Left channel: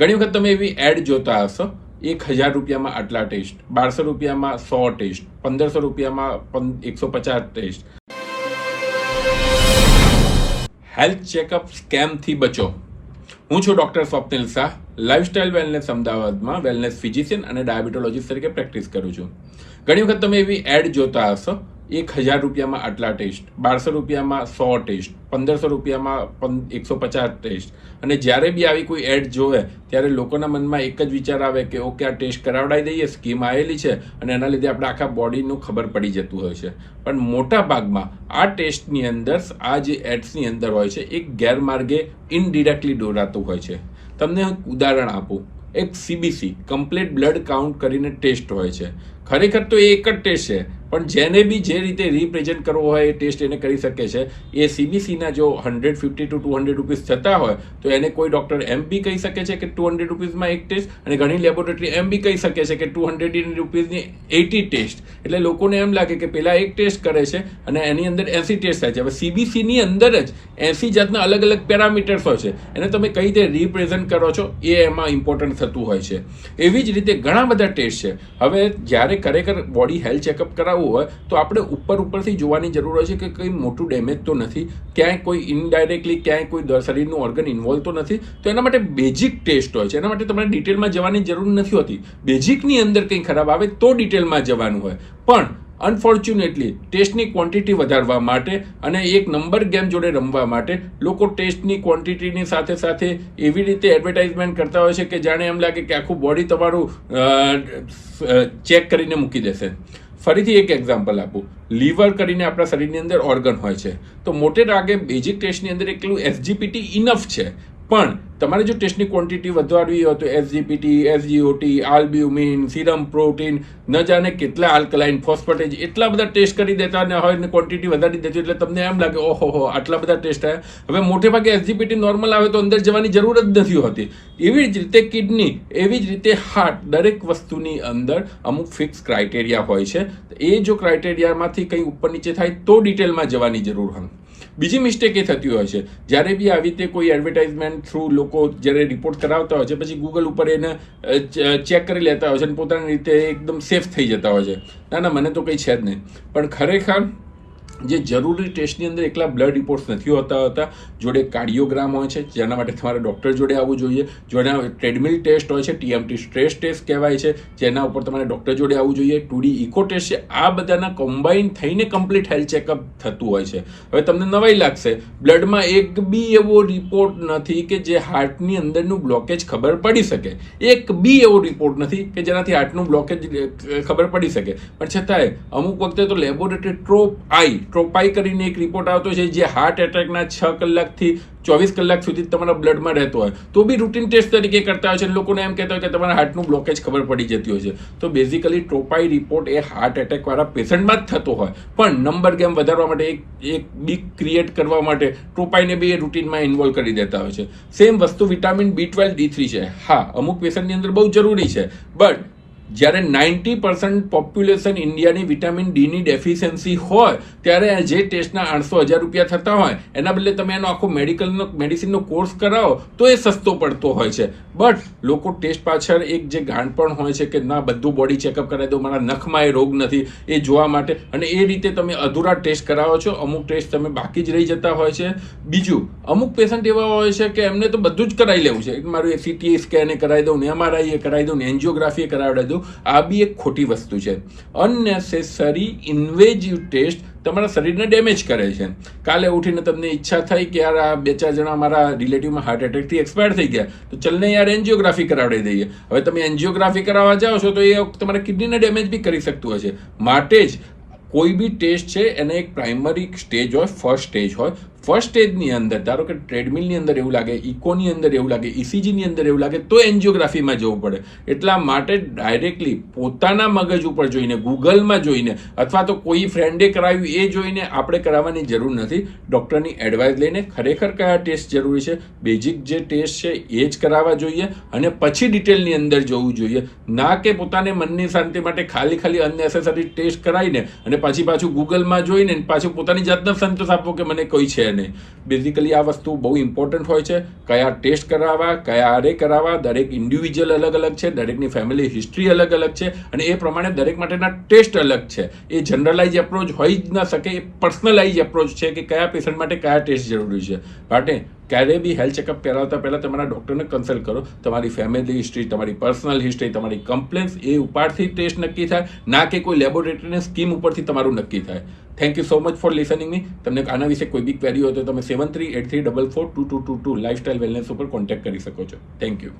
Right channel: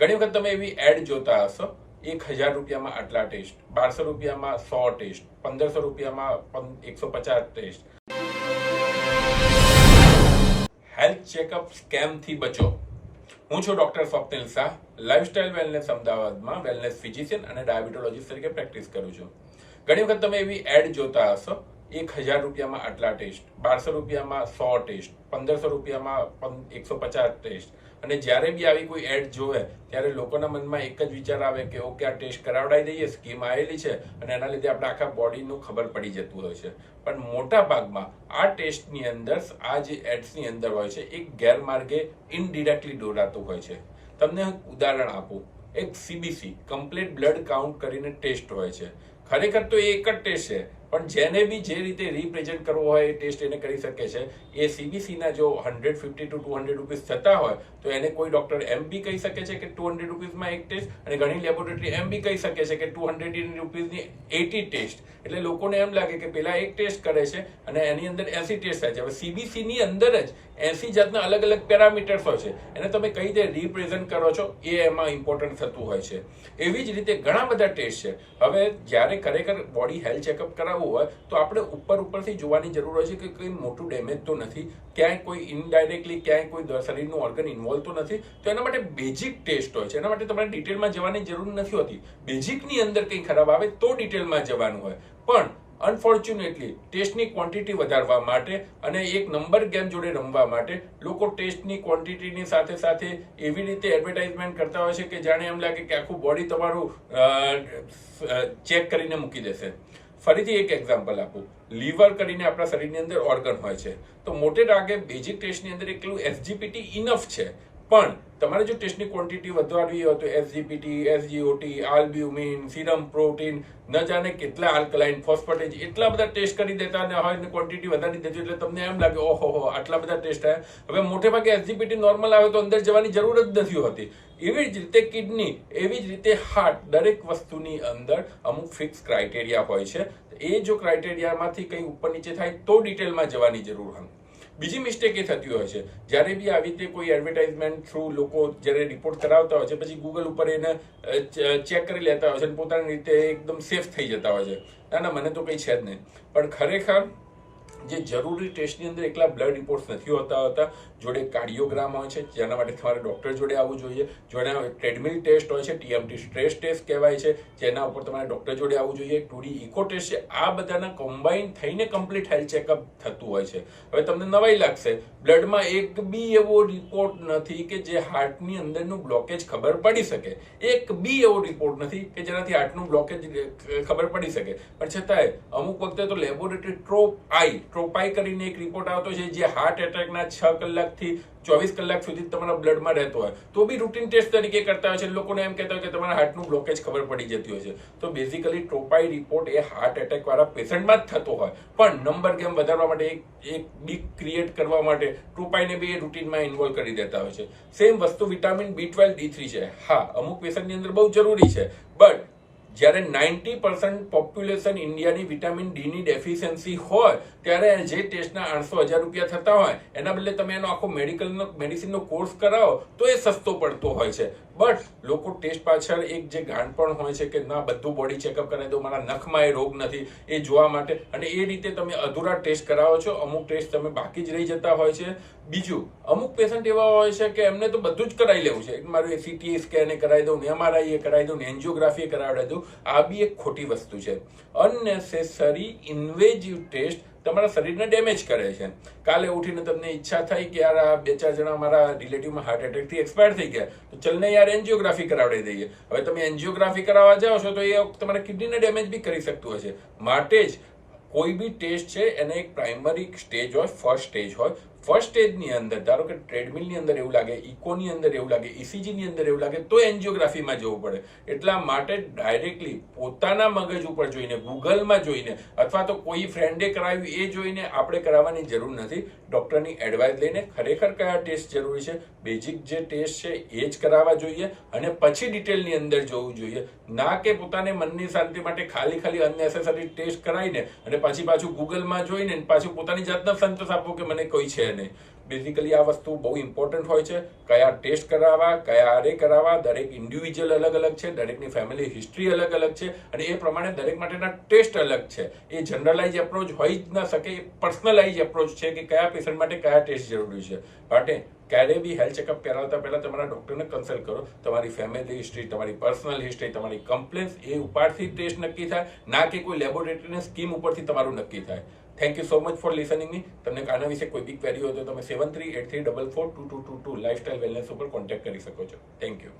ઘણી વખત તમે એવી એડ જોતા હશો, 1000 રૂપિયામાં આટલા ટેસ્ટ, 1200 રૂપિયામાં 100 ટેસ્ટ, 1500 રૂપિયામાં 150 ટેસ્ટ. હેલ્થ ચેકઅપ સ્કેમથી બચો. હું છું doctor Swapnil Shah, lifestyle wellness અમદાવાદમાં વેલનેસ ફિઝિશિયન અને ડાયાબિટોલોજીસ્ટ તરીકે પ્રેક્ટિસ કરું છું. ઘણી વખત તમે એવી એડ જોતા હશો, 1000 રૂપિયામાં આટલા ટેસ્ટ, 1200 રૂપિયામાં 100 ટેસ્ટ, 1500 રૂપિયામાં 150 ટેસ્ટ. અને જ્યારે બી આવી કોઈ એડ જોવે ત્યારે લોકોના મનમાં એક જ વિચાર આવે કે ઓકે, આ ટેસ્ટ કરાવડાવી દઈએ, સ્કીમ આવેલી છે અને એના લીધે આપણે આખા બોડીનું ખબર પડી જતું હોય છે. પણ મોટા ભાગમાં આ ટેસ્ટની અંદર, આ જે એડ્સની અંદર હોય છે, એક ગેરમાર્ગે ઇનડિરેક્ટલી દોરાતું હોય છે. તમને એક ઉદાહરણ આપું. એક CBC કમ્પ્લીટ બ્લડ કાઉન્ટ કરીને ટેસ્ટ હોય છે. ખરેખર તો એ એક જ ટેસ્ટ છે, પણ જેને બી જે રીતે રિપ્રેઝન્ટ કરવો હોય એ ટેસ્ટ એને કરી શકે છે. એ CBCના જો 150 to 200 રૂપીસ થતા હોય તો એને કોઈ ડૉક્ટર એમ બી કહી શકે છે કે 200 રૂપીસમાં એક ટેસ્ટ, અને ઘણી લેબોરેટરી એમ બી કહી શકે છે કે 200 રૂપીસની 80 ટેસ્ટ. એટલે લોકોને એમ લાગે કે પહેલાં એક ટેસ્ટ કરે છે અને એની અંદર 80 ટેસ્ટ થાય છે. હવે CBCની અંદર જ 80 જાતના અલગ અલગ પેરામીટર્સ હોય છે. એને તમે કઈ રીતે રિપ્રેઝન્ટ કરો છો એ એમાં ઇમ્પોર્ટન્ટ થતું હોય છે. એવી જ રીતે ઘણા બધા ટેસ્ટ છે. હવે જ્યારે ખરેખર બોડી હેલ્થ ચેકઅપ કરાવવું હોય તો આપણે ઉપરથી જોવાની જરૂર હોય છે કે કંઈ મોટું ડેમેજ તો નથી, ક્યાંય કોઈ ઇનડાયરેક્ટલી ક્યાંય કોઈ શરીરનું ઓર્ગન ઇન્વોલ્વ તો નથી. તો એના માટે બેઝિક ટેસ્ટ હોય છે. એના માટે તમારે ડિટેલમાં જવાની જરૂર નથી હોતી. બેઝિકની અંદર કંઈ ખરાબ આવે તો ડિટેલમાં જવાનું હોય. પણ અનફોર્ચ્યુનેટલી ટેસ્ટની ક્વોન્ટિટી વધારવા માટે અને એક નંબર ગેમ જોડે રમવા માટે લોકો ટેસ્ટની ક્વોન્ટિટીની સાથે સાથે એવી રીતે એડવર્ટાઇઝમેન્ટ કરતા હોય છે કે જાણે એમ લાગે કે આખું બોડી તમારું ચેક કરીને મૂકી દેશે. ફરીથી એક એક્ઝામ્પલ આપું. લીવર કરીને આપણા શરીરની અંદર ઓર્ગન હોય છે. તો મોટે ભાગે બેઝિક ટેસ્ટની અંદર એકલું SGPT ઇનફ છે. પણ તમારે જો ટેસ્ટની ક્વોન્ટિટી વધારવી હોય તો SGPT, SGOT, albumin, serum protein, ન જાણે કેટલા આલ્કલાઇન, ફોસ્ફેટેજ, એટલા બધા ટેસ્ટ કરી દેતા હોય ને ક્વોન્ટિટી વધારી દેતી, એટલે તમને એમ લાગે ઓહો આટલા બધા ટેસ્ટ આવ્યા. હવે મોટે ભાગે SGPT નોર્મલ આવે તો અંદર જવાની જરૂર જ નથી હોતી. એવી જ રીતે કિડની, એવી જ રીતે હાર્ટ, દરેક વસ્તુની અંદર અમુક ફિક્સ ક્રાઇટેરિયા હોય છે. એ જો ક્રાઇટેરિયામાંથી કંઈ ઉપર નીચે થાય તો ડિટેલમાં જવાની જરૂર હોય. બીજી મિસ્ટેક એ થતી હોય છે, જ્યારે બી આવી રીતે કોઈ એડવર્ટાઇઝમેન્ટ થ્રુ લોકો જ્યારે રિપોર્ટ કરાવતા હોય છે, પછી ગૂગલ ઉપર એને ચેક કરી લેતા હોય છે અને પોતાની રીતે એકદમ સેફ થઈ જતા હોય છે. ના, મને તો કંઈ છે જ નહીં. પણ ખરેખર જે જરૂરી ટેસ્ટની અંદર એકલા બ્લડ રિપોર્ટ્સ નથી હોતા. જોડે કાર્ડિયોગ્રામ હોય છે, જેના માટે તમારે ડૉક્ટર જોડે આવવું જોઈએ. જોડે ટ્રેડમિલ ટેસ્ટ હોય છે, TMT સ્ટ્રેસ ટેસ્ટ કહેવાય છે, જેના ઉપર તમારે ડૉક્ટર જોડે આવવું જોઈએ. 2D ઇકો ટેસ્ટ છે. આ બધાના કોમ્બાઇન થઈને કમ્પ્લીટ હેલ્થ ચેકઅપ થતું હોય છે. હવે તમને નવાઈ લાગશે, બ્લડમાં એક બી એવો રિપોર્ટ નથી કે જે હાર્ટની અંદરનું બ્લોકેજ ખબર પડી શકે. એક બી એવો રિપોર્ટ નથી કે જેનાથી હાર્ટનું બ્લોકેજ ખબર પડી શકે. પણ છતાંય અમુક વખતે તો લેબોરેટરી ટ્રોપાઈ કરીને એક રિપોર્ટ આવતો છે જે હાર્ટ એટેકના 6 કલાકથી 24 કલાક સુધી તમારા બ્લડમાં રહેતો હોય તો બી રૂટીન ટેસ્ટ તરીકે કરતા હોય છે. લોકોને એમ કહેતા હોય કે તમારા હાર્ટનું બ્લોકેજ ખબર પડી જતી હોય છે. તો બેઝિકલી ટ્રોપાઈ રિપોર્ટ એ હાર્ટ એટેકવાળા પેશન્ટમાં જ થતો હોય. પણ નંબર ગેમ વધારવા માટે, એક બીક ક્રિએટ કરવા માટે ટ્રોપાઈને બી એ રૂટીનમાં ઇન્વોલ્વ કરી દેતા હોય છે. સેમ વસ્તુ વિટામિન B12, D3 છે. હા, અમુક પેશન્ટની અંદર બહુ જરૂરી છે. બટ જ્યારે 90% પોપ્યુલેશન ઇન્ડિયાની વિટામિન ડીની ડેફિશિયન્સી હોય ત્યારે જે ટેસ્ટના 800,000 રૂપિયા થતા હોય એના બદલે તમે એનો આખો મેડિસિનનો કોર્સ કરાવો તો એ સસ્તો પડતો હોય છે. બટ લોકો ટેસ્ટ પાછળ એક જે ગાંઠપણ હોય છે કે ના, બધું બોડી ચેકઅપ કરાવી દો, મારા નખમાં એ રોગ નથી, એ જોવા માટે, અને એ રીતે તમે અધૂરા ટેસ્ટ કરાવો છો. અમુક ટેસ્ટ તમે બાકી જ રહી જતા હોય છે. બીજું, અમુક પેશન્ટ એવા હોય છે કે એમને તો બધું જ કરાવી લેવું છે. મારું CT સ્કેન એ કરાવી દઉં ને, MRI એ કરાવી દઉં ને, એન્જિયોગ્રાફી એ કરાવડાવી દઉં. આ બી એક ખોટી વસ્તુ છે. અનનેસેસરી ઇન્વેઝિવ ટેસ્ટ તમારા શરીરને ડેમેજ કરે છે. કાલે ઉઠીને તમને ઈચ્છા થઈ કે યાર આ 2-4 જણા મારા રિલેટિવમાં હાર્ટ એટેકથી એક્સપાયર થઈ ગયા, તો ચલને યાર એન્જિયોગ્રાફી કરાવડી દઈએ. હવે તમે એન્જિયોગ્રાફી કરાવવા જાઓ છો તો એ તમારા કિડનીને ડેમેજ બી કરી શકતું હોય છે. માટે જ કોઈ બી ટેસ્ટ છે એને એક પ્રાઇમરી સ્ટેજ હોય, ફર્સ્ટ સ્ટેજ હોય. ફર્સ્ટ સ્ટેજની અંદર ધારો કે ટ્રેડમિલની અંદર એવું લાગે, ઇકોની અંદર એવું લાગે, ECGની અંદર એવું લાગે તો એન્જિયોગ્રાફીમાં જવું પડે. એટલા માટે ડાયરેક્ટલી પોતાના મગજ ઉપર જોઈને, ગૂગલમાં જોઈને, અથવા તો કોઈ ફ્રેન્ડે કરાવ્યું એ જોઈને આપણે કરાવવાની જરૂર નથી. ડૉક્ટરની એડવાઇસ લઈને ખરેખર કયા ટેસ્ટ જરૂરી છે, બેઝિક જે ટેસ્ટ છે એ જ કરાવવા જોઈએ અને પછી ડિટેલની અંદર જવું જોઈએ. ના કે પોતાને મનની શાંતિ માટે ખાલી અનનેસેસરી ટેસ્ટ કરાવીને અને પાછું ગૂગલમાં જોઈને પાછું પોતાની જાતને સંતોષ આપવો કે મને કોઈ છે નહીં. નહીં. બેઝિકલી આ વસ્તુ બહુ ઇમ્પોર્ટન્ટ હોય છે. કયા ટેસ્ટ કરાવવા, કયા આરે કરાવવા, દરેક ઇન્ડિવિજ્યુઅલ અલગ અલગ છે, દરેકની ફેમિલી હિસ્ટ્રી અલગ અલગ છે અને એ પ્રમાણે દરેક માટેના ટેસ્ટ અલગ છે. એ જનરલાઇઝ એપ્રોચ હોઈ જ ન શકે, એ પર્સનલાઇઝ એપ્રોચ છે કે કયા પેશન્ટ માટે કયા ટેસ્ટ જરૂરી છે. માટે ક્યારેય બી હેલ્થ ચેકઅપ કરાવતા પહેલાં તમારા ડૉક્ટરને કન્સલ્ટ કરો. તમારી ફેમિલી હિસ્ટ્રી, તમારી પર્સનલ હિસ્ટ્રી, તમારી કમ્પ્લેન્સ એ ઉપરથી ટેસ્ટ નક્કી થાય, ના કે કોઈ લેબોરેટરીની સ્કીમ ઉપરથી તમારું નક્કી થાય. Thank you so much for listening me. તમને આના વિશે કોઈ બી ક્વેરી હોય તો તમે 7383442222 લાઇફસ્ટાઇલ વેલનેસ ઉપર કોન્ટેક્ટ કરી શકો છો. Thank you.